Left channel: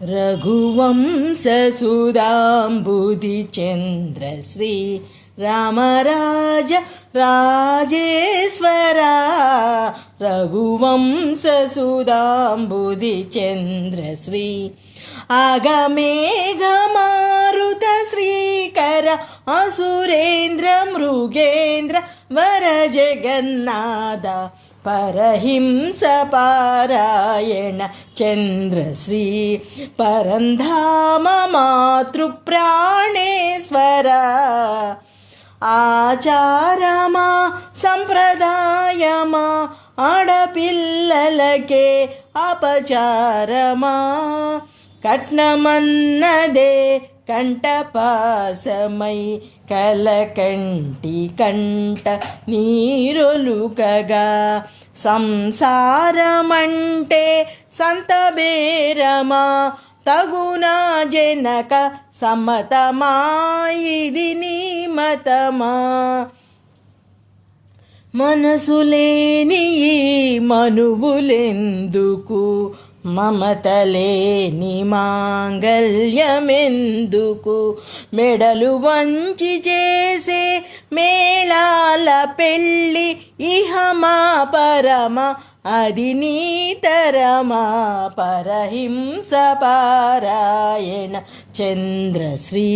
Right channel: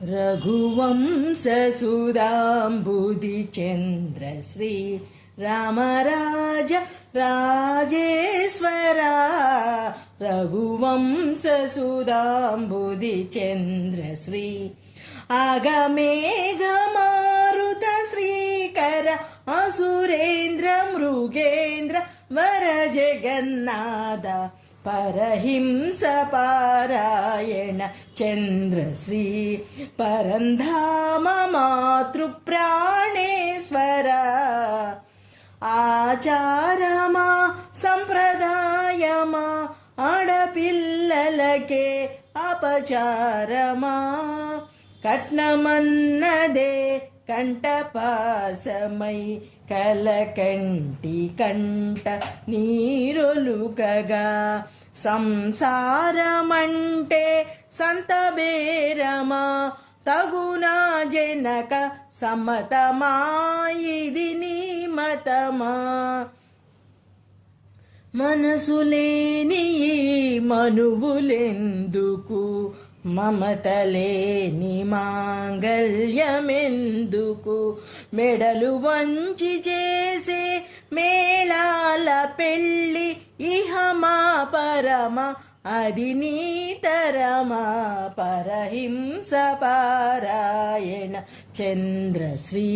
रघुवंशसुधाम्बुधिचन्द्रश्री रामराज राजेश्वरा रघुवंशसुधाम्बुधिचन्द्रश्री आगमेघमारुत श्रीकर असुरेन्द्र मृगेन्द्र वर जगन्नाथ परहिंस पारायण चन्द्रश्री परन्धाम मातृप्राणेश्वरा ఆచారమా సంప్రదాయమా ఆడపిల్లలకే అపచారమా కట్నమన్నదే కంఠపాసమై కలకంటి కంట నీరొలుకగా సంసారమంటే సంతబేరమా తగునా జనక సమ్మతమా ఇది నీ మతమా మనసులేని ఈ మనువులెందుకు మమతలేని మాంగల్యమెందుకు మెడలు వంచి చేసే మేళాల పెళ్ళి ఇహమా పరమ అది నీతరమా పరహింస పారాయణ చంద్రశ్రీ